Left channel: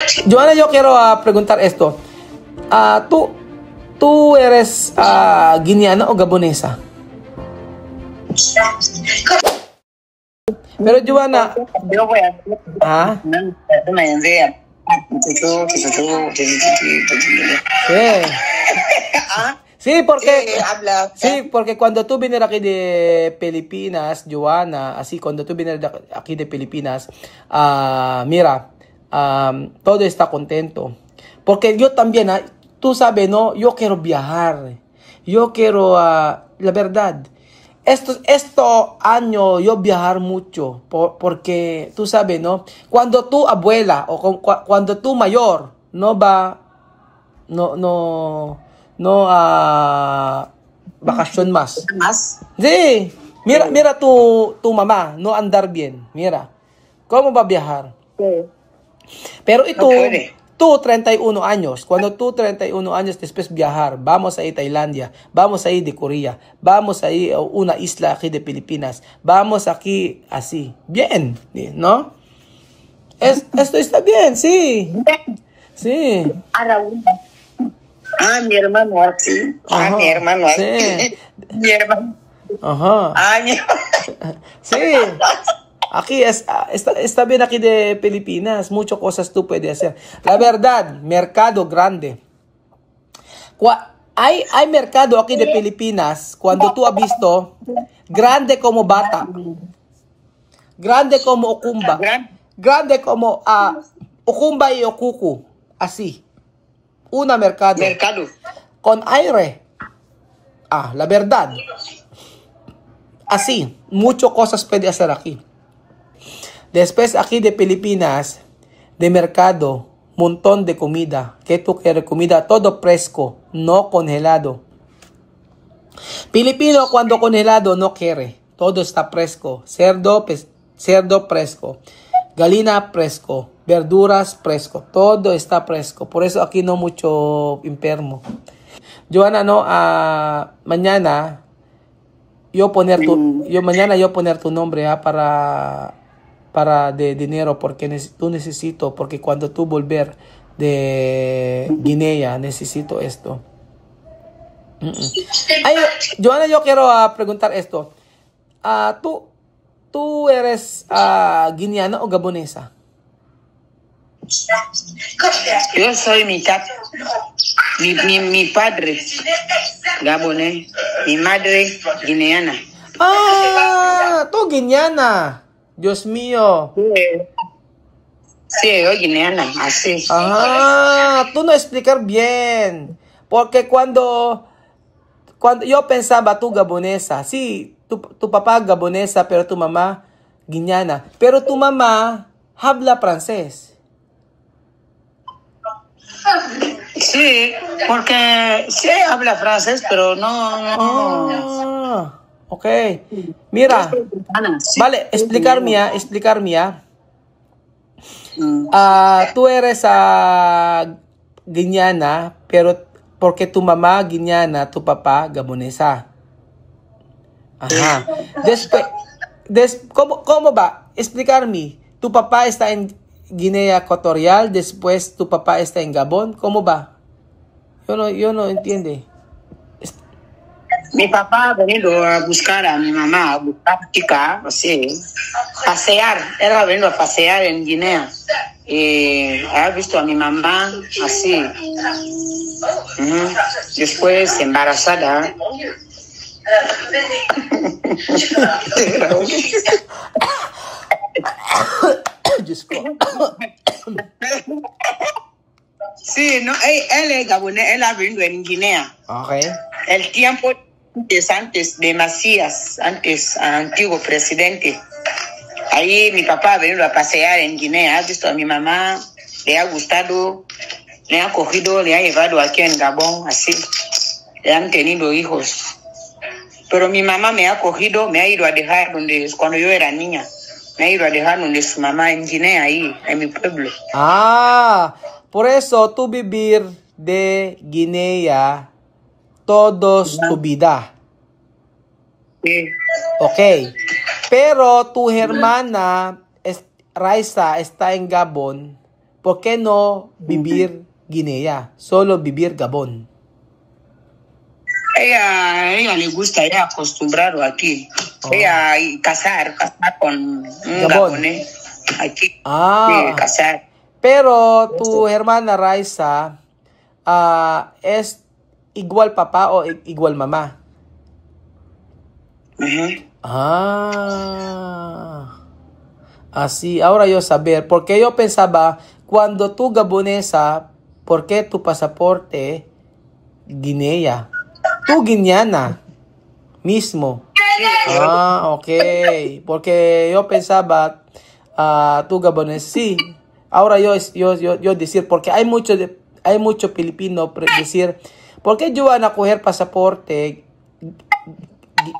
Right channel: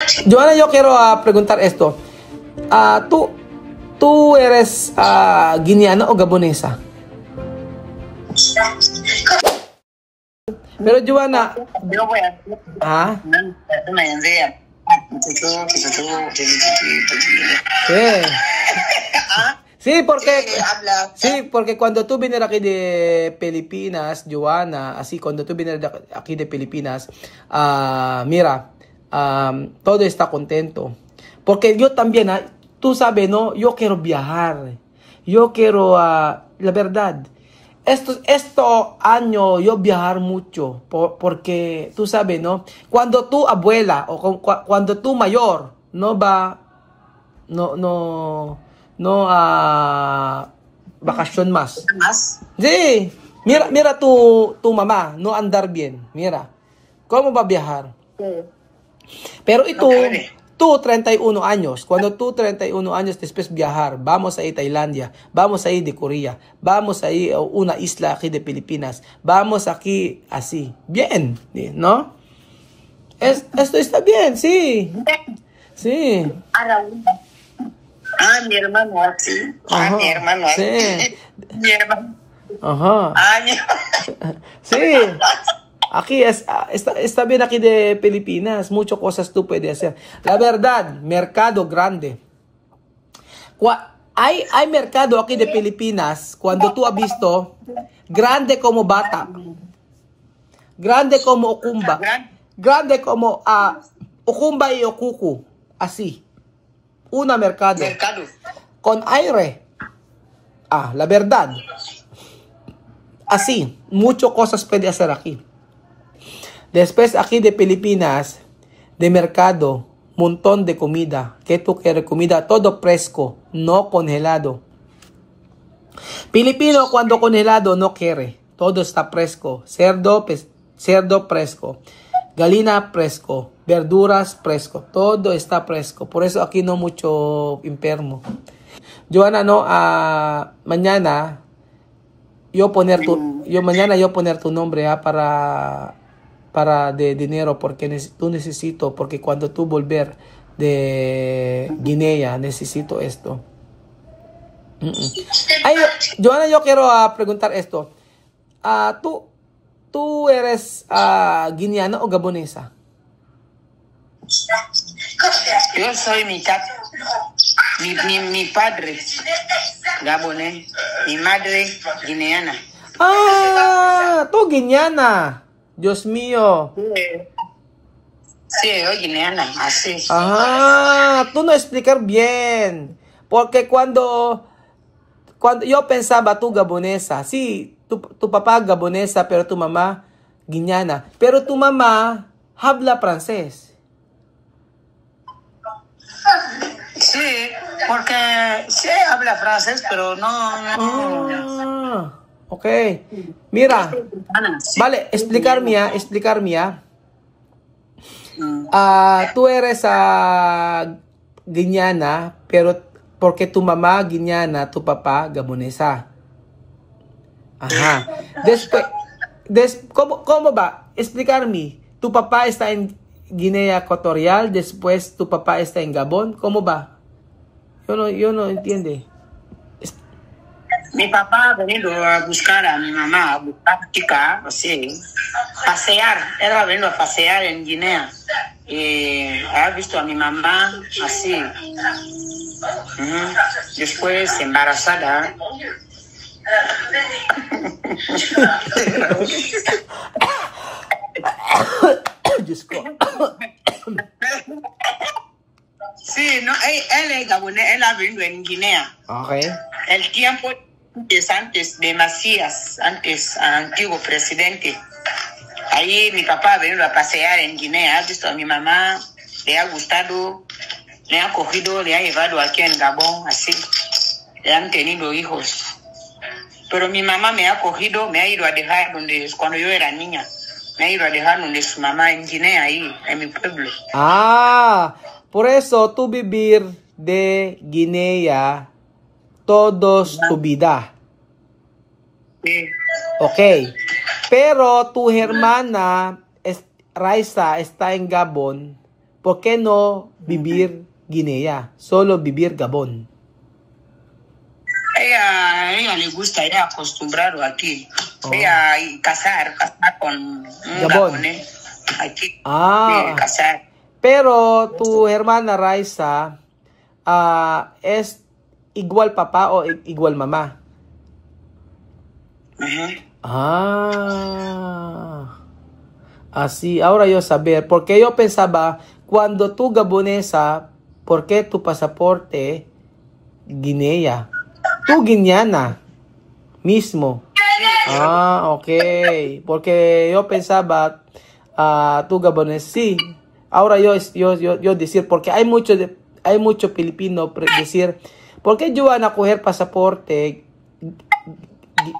Joana, yo quiero preguntar esto. ¿Tú eres guineana o gabonesa? Pero Joana, sí, porque cuando tú vienes aquí de Pilipinas, Joana, así cuando tú vienes aquí de Pilipinas, mira, todo está contento. Porque yo también, tú sabes, ¿no? Yo quiero viajar. Yo quiero, la verdad, esto año yo viajar mucho. Porque tú sabes, ¿no? Cuando tu abuela o cuando tu mayor no va, no vacación más. Sí, mira tu mamá, no andar bien. Mira, ¿cómo va a viajar? Pero tú 31 años, cuando tú 31 años después viajar, vamos a ir a Tailandia, vamos a ir de Corea, vamos a ir a una isla aquí de Filipinas, vamos aquí así, bien, ¿no? Esto está bien, sí, sí. Mi hermano así, mi hermano así, sí. mi hermano. Ajá. Mi hermano. Sí. Aquí está bien aquí de Filipinas. Muchas cosas tú puedes hacer. La verdad, mercado grande. Hay mercado aquí de Filipinas. Cuando tú has visto, grande como Bata. Grande como Okumba. Grande como Okumba y Okuku. Así. Una mercado. Con aire. La verdad. Así. Muchas cosas puedes hacer aquí. Después aquí de Filipinas, de mercado, montón de comida. ¿Qué tú quieres? Comida todo fresco, no congelado. Filipino cuando congelado no quiere. Todo está fresco. Cerdo fresco. Gallina fresco. Verduras fresco. Todo está fresco. Por eso aquí no mucho enfermo. Joana, no, mañana yo poner tu nombre para de dinero porque tú necesito, porque cuando tú volver de Guinea necesito esto. Joana, yo quiero preguntar esto. ¿Tú eres guineana o gabonesa? Yo soy mitad. Mi padre gabonés, mi madre guineana. Tú guineana. Dios mío. Sí, yo guineana, así. Tú no explicar bien. Porque cuando yo pensaba tú gabonesa, sí, tu papá gabonesa, pero tu mamá guineana. Pero tu mamá habla francés. Sí, porque sí habla francés, pero no. Ok. Mira, vale, explicarme. Tú eres guineana, pero porque tu mamá guineana, tu papá gabonesa. Ajá. Después, ¿cómo va? Explicarme. Tu papá está en Guinea Ecuatorial, después tu papá está en Gabón. ¿Cómo va? Yo no entiendo. Mi papá ha venido a buscar a mi mamá, a buscar chica, así, pasear. Él ha venido a pasear en Guinea. Y ha visto a mi mamá así. Después embarazada. Sí, no, él es gabonés, él ha venido en Guinea. Okay. El tiempo antes de Macías, antes antiguo presidente. Ahí mi papá ha venido a pasear en Guinea, ha visto a mi mamá, le ha gustado, le ha cogido, le ha llevado aquí en Gabón, así. Le han tenido hijos. Pero mi mamá me ha cogido, me ha ido a dejar cuando yo era niña. Me ha ido a dejar donde su mamá en Guinea, ahí, en mi pueblo. Por eso tú vivir de Guinea todos tu vida. Sí. Ok. Pero tu hermana Raisa está en Gabón ¿por qué no vivir Guinea? Solo vivir Gabón. Ella le gusta ya acostumbrado aquí. Ella casar con un Gabón. gabonés aquí. Ah, Casar. pero tu hermana Raisa es igual papá o igual mamá. Así, ahora yo saber, porque yo pensaba, cuando tú gabonesa, ¿por qué tu pasaporte Guinea? Tú guineana mismo. Ok, porque yo pensaba, tú gabonés, sí. Ahora yo decir, porque hay mucho filipino decir, ¿por qué yo van a coger pasaporte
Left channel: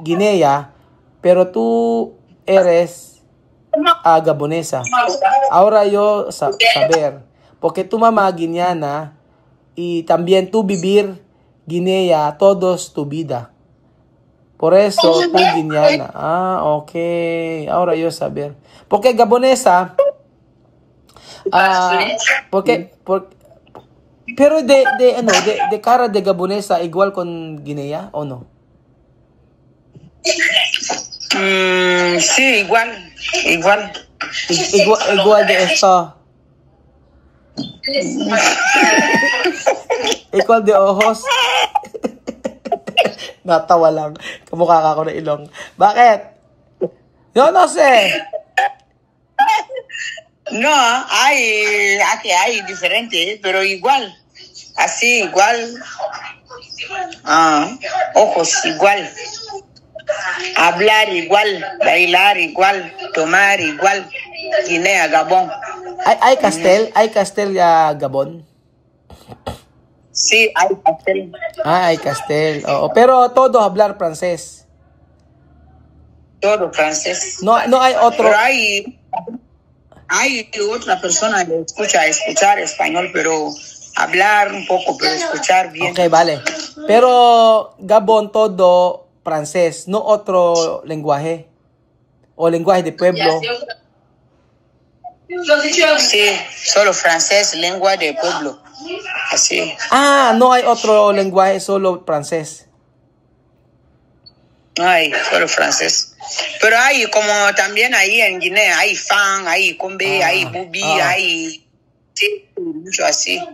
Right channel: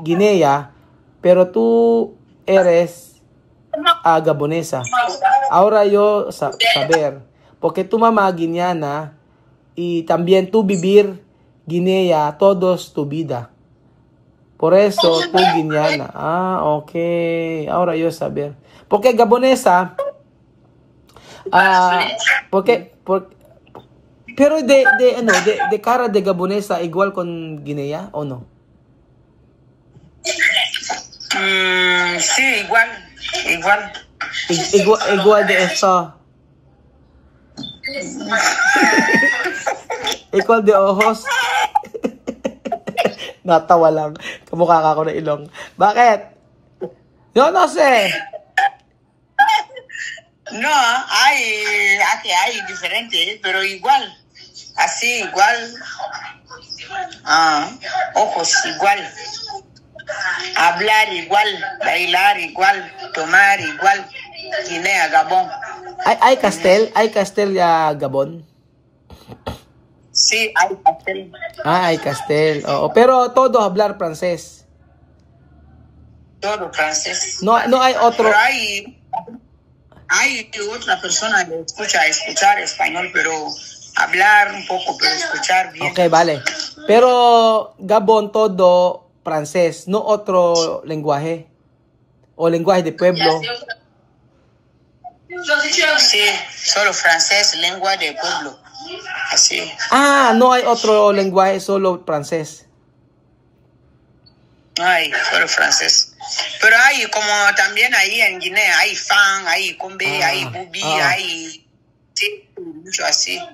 Guinea, pero tú eres gabonesa? Ahora yo saber, porque tu mamá guineana y también tú vivir Guinea todos tu vida. Por eso tú guineana. Ok. Ahora yo saber. Porque gabonesa, pero de cara de gabonesa igual con Guinea o no? Sí, igual. Igual de esto. Igual de ojos. Natawa lang. Kamukha ka ako na ilong. Bakit? No sé. No, aquí hay diferente, pero igual. Así, igual. Ojos igual. Hablar igual. Bailar igual. Tomar igual. Guinea, Gabón. Hay castel ya Gabon. Sí, hay castel. Hay castel. Pero todo hablar francés. Todo francés. No hay otro. Pero hay otra persona que escuchar español, pero hablar un poco, pero escuchar bien. Ok, vale. Pero Gabon todo francés, no otro lenguaje. O lenguaje de pueblo. Sí, solo francés, lengua de pueblo. Así. No hay otro lenguaje, solo francés. No hay, solo francés. Pero hay, como también ahí en Guinea, hay fan, hay combe, hay bubi, hay... Sí, mucho así.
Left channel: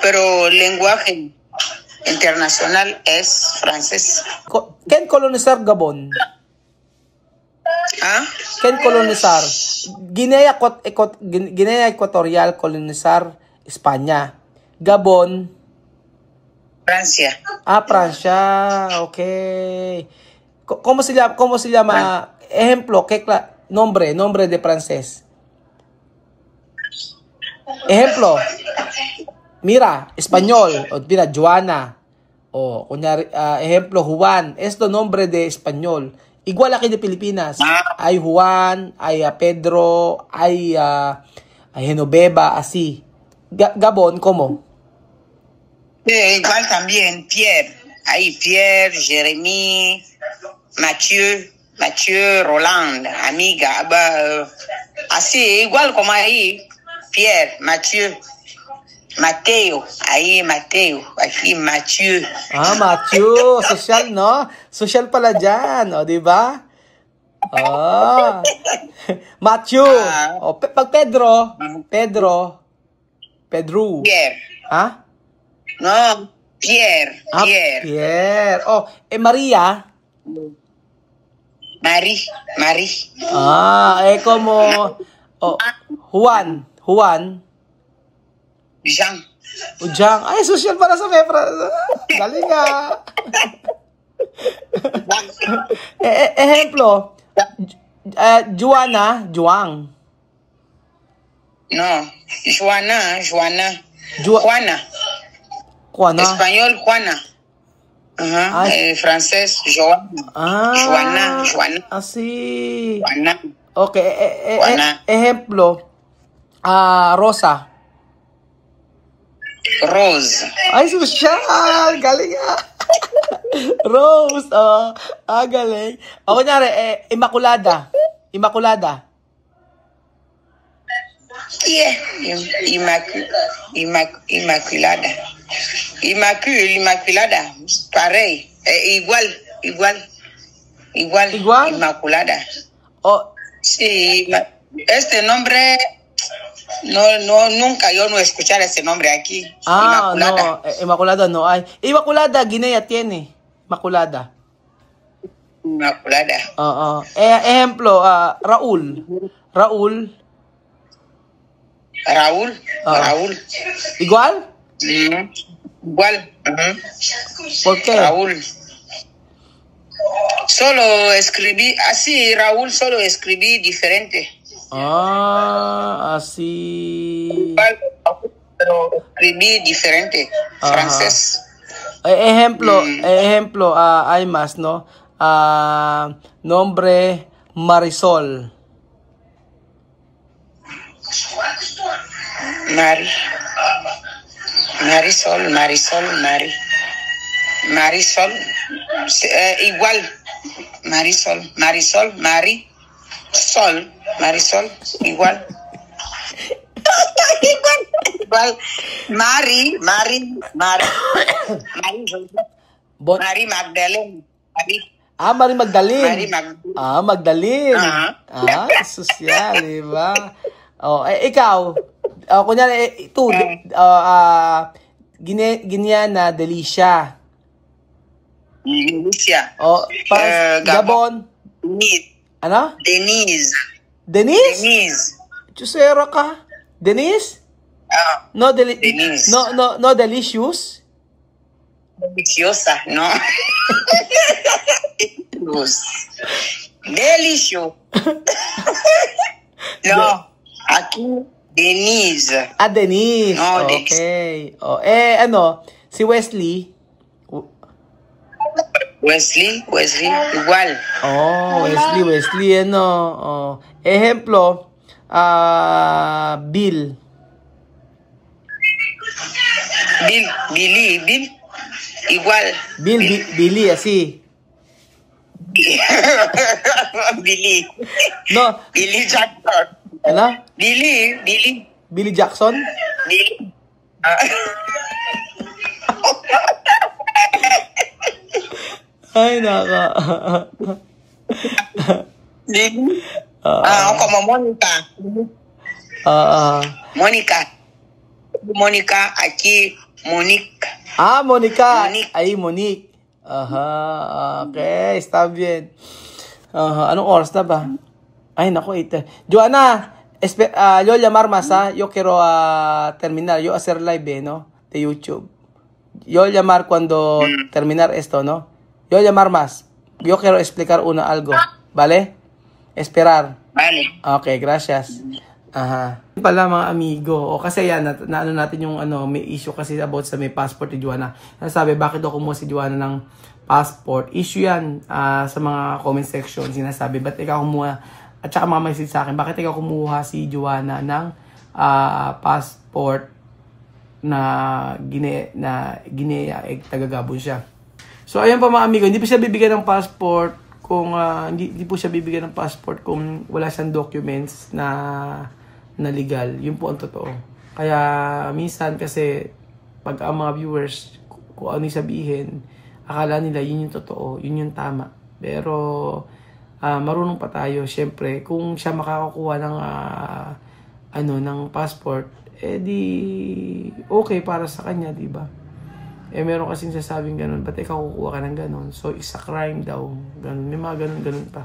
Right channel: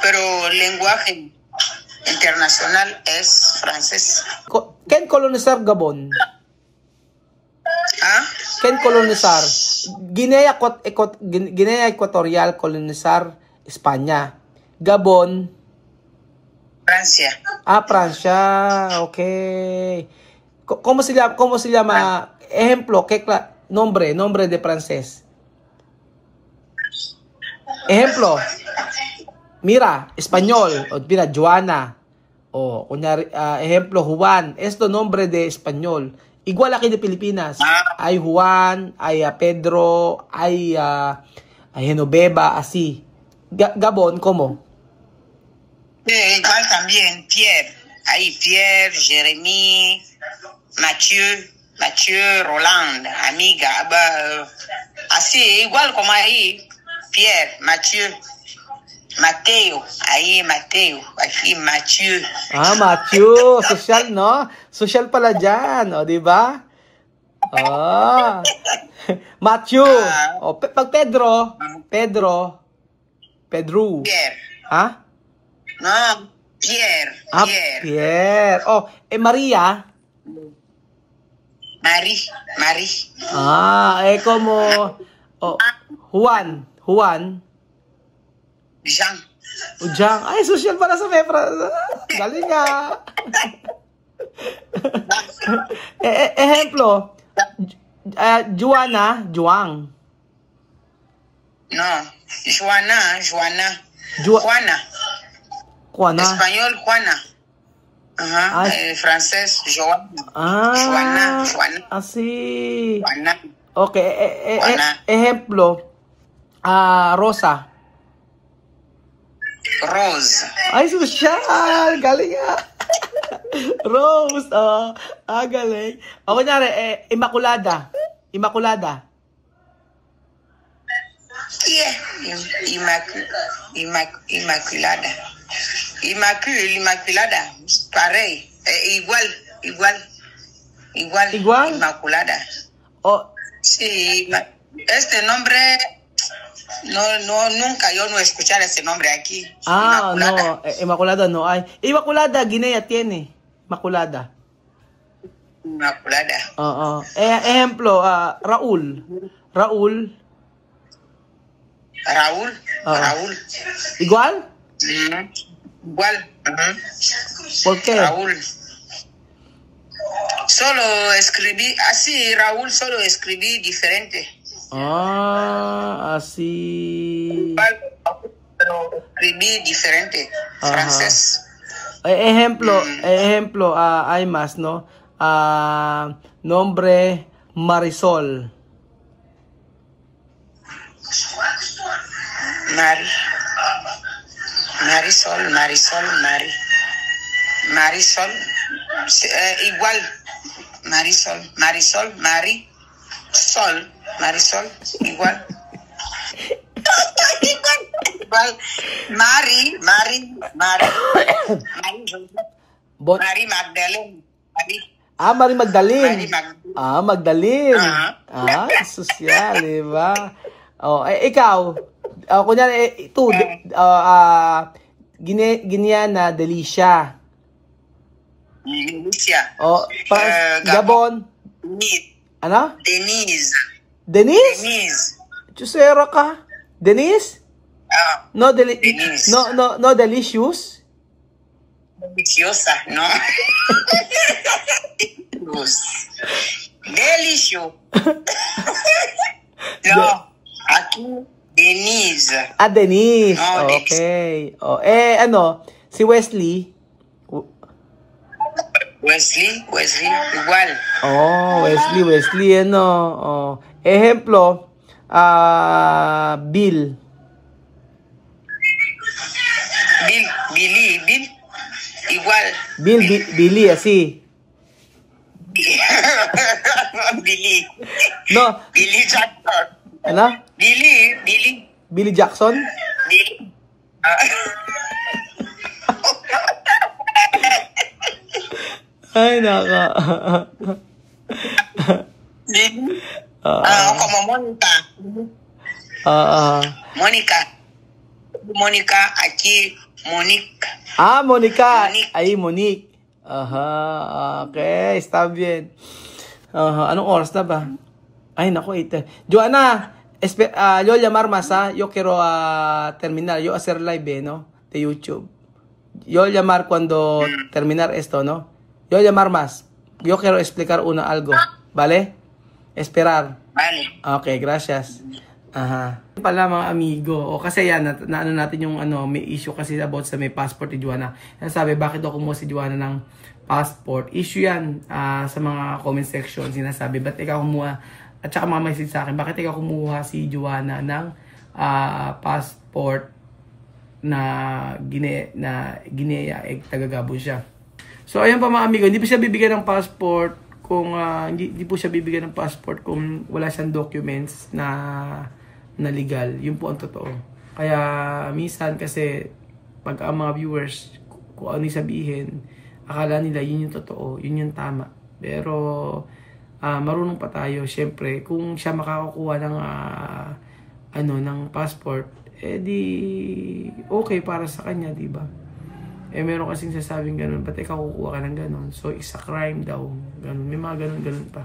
Pero lenguaje internacional es francés. ¿Quién colonizar Gabon? ¿Quién colonizar? Guinea Ecuatorial colonizar España. Gabon. Francia. Francia. Ok. ¿Cómo se llama? Ejemplo, ¿qué nombre de francés? Ejemplo. Mira, español. Mira, Joana. Ejemplo, Juan. Esto nombre de español. Igual aquí de Pilipinas. Hay Juan, hay Pedro, hay Genoveva, así. Gabon, ¿cómo? Igual también, Pierre. Hay Pierre, Jeremy, Mathieu, Roland, amiga. Así, igual como ahí. Pierre, Mateo, ahí Mateo, aquí Mathieu. Mathieu, social, no? Social pala dyan, di ba? Mathieu. Pag Pedro. Pierre. No, Pierre. Pierre. Maria. Marie. Como Juan. Jean. Ay, social para sa Mepra. Galing nga. Ejemplo. Juana. No. Juana. Español, Juana. Francés, Joana. Así. Juana. Ok. Ejemplo. Rosa. Rose. Ay, social! Galing nga! Rose! Galing. Kunyari, Immaculada. Inmaculada. Inmaculada. Parey. Igual. Inmaculada. Oh, Sí, este nombre, nunca yo no escuchar ese nombre aquí. no, Immaculada no hay. Immaculada, Guinea tiene. Immaculada. Inmaculada. Ejemplo, Raúl. Raúl. ¿Igual? Igual. ¿Por qué? Raúl. Solo escribí así, Raúl, solo escribí diferente. Así. Pero escribí diferente. Francés. Ejemplo, hay más, ¿no? Nombre Marisol. Marisol. Igual. Marisol, igual. Igual. Mari Magdalene. Mari Magdalene. Magdalene. Sosyal, diba? Ikaw, kunyari, ito, Guineana, Delicia. Gabon. Ano? Denise? Chusera ka? Denise? No, Denise. No, delicious? Deliciosa, no. Delicious. No, aquí Denise. Denise. No, Okay. Si Wesley? Wesley, igual. Wesley, ejemplo, Bill. Bill, igual. Billy, así. Billy. No. Billy Jackson. Ano? Billy Jackson? Billy. Ay, naka. Como Mónica. Mónica, aquí, Monique. Mónica. Ahí, Monique. Okay, está bien. Anong oras na ba? Ay, naku, Joanna, yo llamar más, yo quiero terminar, yo hacer live, ¿no? De YouTube. Yo llamar cuando terminar esto, ¿no? Yo llamar más. Yo quiero explicar algo, ¿vale? Esperar. Vale. Okay, gracias. Pala mga amigo, kasi yan, naano natin yung may issue kasi about sa may passport ni Joanna. Sabi, bakit ako kumuha si Joanna ng passport? Issue yan sa mga comment section. Sinasabi, ba't ikaw kumuha? At saka mga message sa akin, bakit ikaw kumuha si Joanna ng passport na Guinea, taga-Gabon siya. So, ayan pa mga amigo, hindi po siya bibigyan ng passport kung hindi po siya bibigyan ng passport kung wala siyang documents na legal. Yun po ang totoo. Kaya minsan kasi pag ang mga viewers kung ano yung sabihin, akala nila yun yung totoo, yun yung tama. Pero marunong pa tayo. Syempre, kung siya makakakuha ng passport, di okay para sa kanya, di ba? Meron kasing sasabing ganun, ba't ikaw kukuha ka ng ganun? So, isa crime daw. Ganun. May mga ganun pa.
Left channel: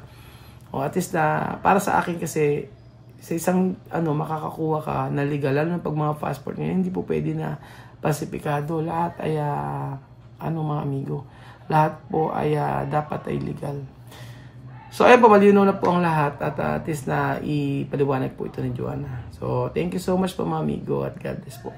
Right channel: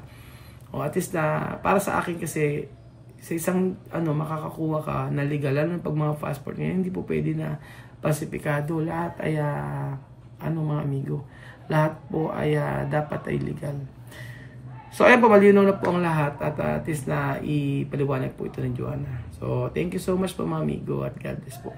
At least para sa akin kasi, sa isang, makakakuha ka na legal, lalo na pag mga passport niya, hindi po pwede na pasipikado. Lahat ay, mga amigo, lahat po ay, dapat ay legal. So, ayan po, malinaw na po ang lahat at at least na ipaliwanag po ito ni Joanna. So, thank you so much po mga amigo at God bless po.